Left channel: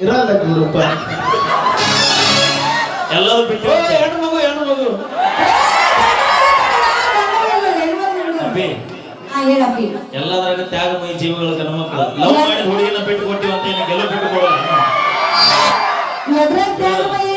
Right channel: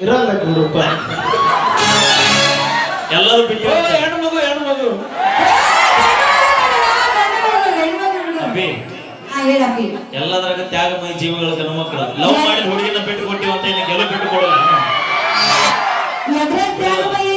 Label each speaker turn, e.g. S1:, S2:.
S1: ಇರಲ್ಲ ಗುರುಪ್ಪ
S2: ಎಲ್ಲರೂ ಬಿಟ್ಟು
S1: ಹೆಣ್ಣು ಮಗು ಹೆಣ್ಣು ಮಗು.
S3: ಅಬ್ಬಿ ಹೇಳಪ್ಪಿ
S2: ಎಲ್ಲದರಾಗ ತ್ಯಾಗಮಯ ಜೀವಗಳ ಮಕ್ಕಳು. ಲವ್ ಮಾಡಿದ ಹುಡುಗಿನ ಬಿಟ್ಟು ಕೊಟ್ಟಿವಂತ ಇನ್ನು ಗೆಲುವು ಬಿಟ್ಟು ಕೊಡೋಣ ತ್ಯಾಗಮಯ